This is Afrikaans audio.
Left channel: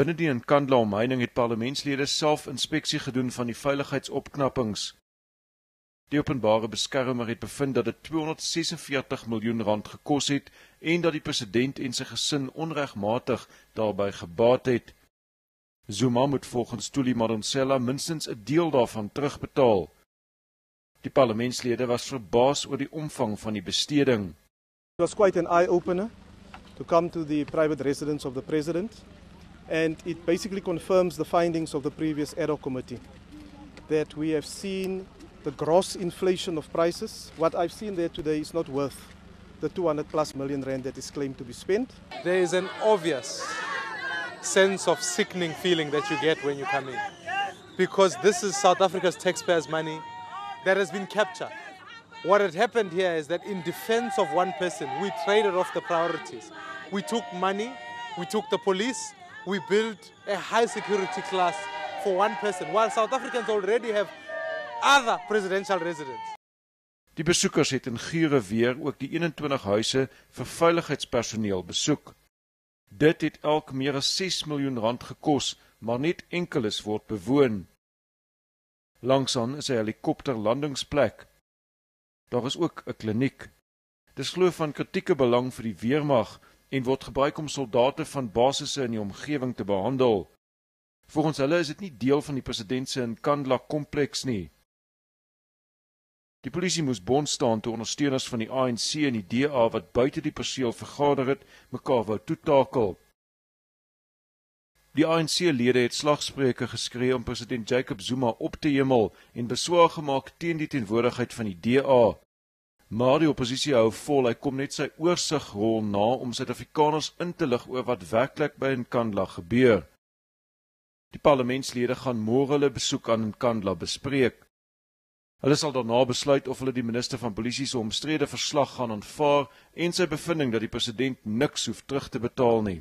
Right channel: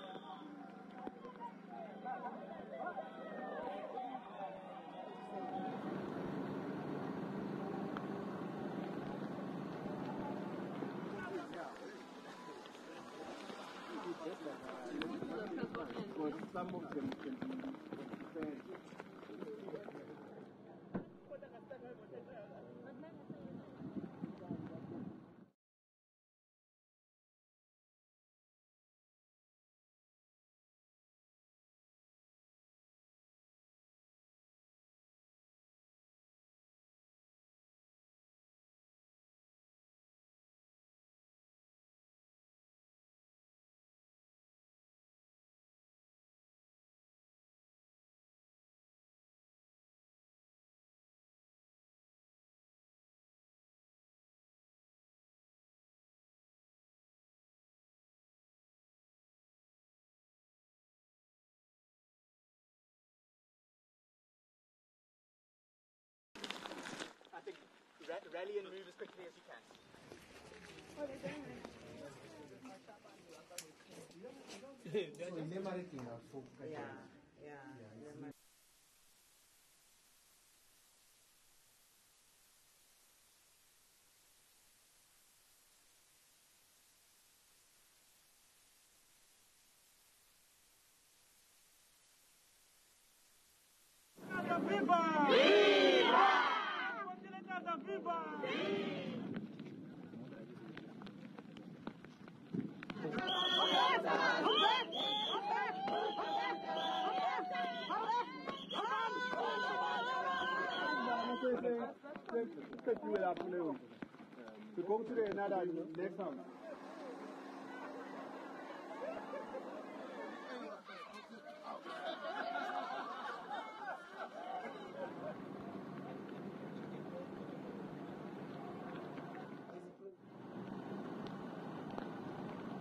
Binne die Nkandla omheining het parlementslede self inspeksie gedoen van die veiligheidsopknappings. Die openbare beskermer het bevind dat dit 246 miljoen rand gekos het en dat die president en sy gesin onregmatig daarbey gebaat het. Zuma moet volgens Thuli Madonsela minstens 'n deel daarvan terugbetaal. Die parlementslede was verbaas oor die omvang van die besteding. It was quite an eye-opener to come to the private residence of the president, and it basically confirms the findings of the previous ad hoc committee, that we have seen the gross inflation of prices. What I've seen there today is not worth the 200+ million rand that is claimed to be spent. There is an obvious sense of sickening feeling that you get when you come in, because this is South Africa's taxpayers' money that has been captured. What had happened here is that in defense of one person, we traded off the priorities. We took money, we took the police, we built a high security class for one person, while South Africans already have other presidential residents. Die besoekers het in Gure weer ook die 21 huise vir veiligheidspersoneel besoek. Dit het elk meer as 6 miljoen rand gekos, maar net enkeles word bewoon. Langsaan is 'n helikopterlandingsplek. Daar is ook 'n kliniek. Dis glo van kritieke belang vir die weermag en word gebruik om soldate van basisse in die omgewing te behandel. Volgens hulle is dit nie deel van die president se Nkandla kompleks nie. Die polisie moes bond staan toe ondersteuners van die ANC en die DA wat buite die perseel vergader het, mekaar wou toetakel. Die ANC-lede het slagspreuke geskree om president Jacob Zuma op te hemel en beswaar gemaak teen die teenwoordigheid van die DA. Maar die oppositie hou vol, hy kom net sy oorsigrol na om Suid-Afrikaners in te lig oor wat werklik by Nkandla gebeur. Die parlementslede gaan môre hulle besoek aan Nkandla bespreek. Hulle sal daarna besluit of hulle die minister van polisie se omstrede verslag gaan aanvaar en sy bevinding dat die president niks hoef terug te betaal nie.